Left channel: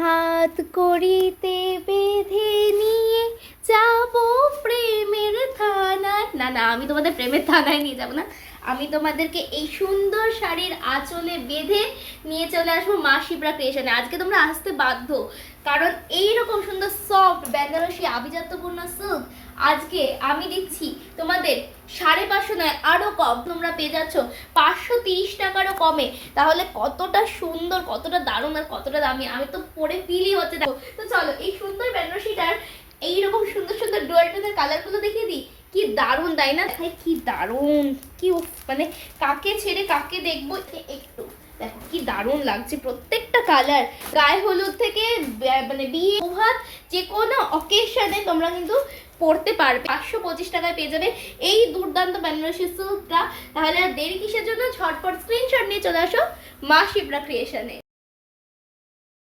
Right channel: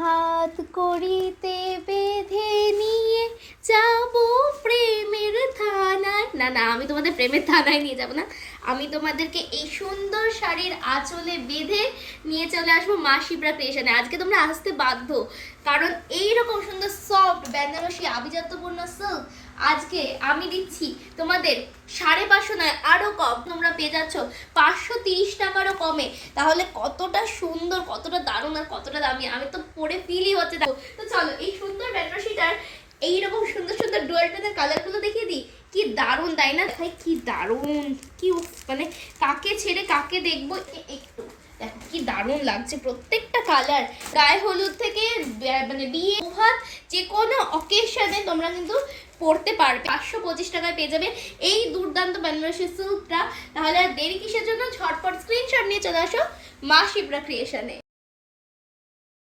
হাত করিতে বেঁধে নিয়ে যাব প্রেমের থানায়। না না, আমি তোমাদের প্রেমের থানায় নিয়ে যাব না, আমি তোমাদেরকে এই সুন্দর শাড়ির আঁচলে বেঁধে নিয়ে চলে আসবো মা শিপ্রা ক্রিয়েশনে। আজকে তোমরা আসতে বাধ্য, কারণ এইরকম সুন্দর সফট বেনারসি আভিজাত্যপূর্ণ সিল্ক আজকে আমি দিচ্ছি তোমাদের 550 নয়, আরও কম। তোমরা পেয়ে যাচ্ছ 530 টাকারও কমে। তাহলে কতটা সুন্দর, কতটা দারুণ আর কতটা দামি, আমি তো পরে ফিলই হচ্ছে। দেখো তো চলো এই সুন্দর বেনারসিটার এইরকম সুন্দর সুন্দর ডুয়াল টোনের কালারগুলো দেখিয়ে দিই। কি দারুণ তাই না ভাই, কি দারুণ, কি মানে কাকে ছেড়ে কাকে দেখবো একটু দেখো কি দারুণ লাগছে প্রত্যেকটা কালার। গায়ে হলুদ থেকে মানে বিয়ে ভাত যে কোনো অকেশনে তোমরা কিন্তু পড়তে পারবে। 525 টাকায় পেয়ে যাবে এই দুর্দান্ত বেনারসি সিল্কটা। তাহলে আর দেরি কিসের জন্য, ঝটপট স্ক্রিনশট নিয়ে চলে আসো মা শিপ্রা ক্রিয়েশনে।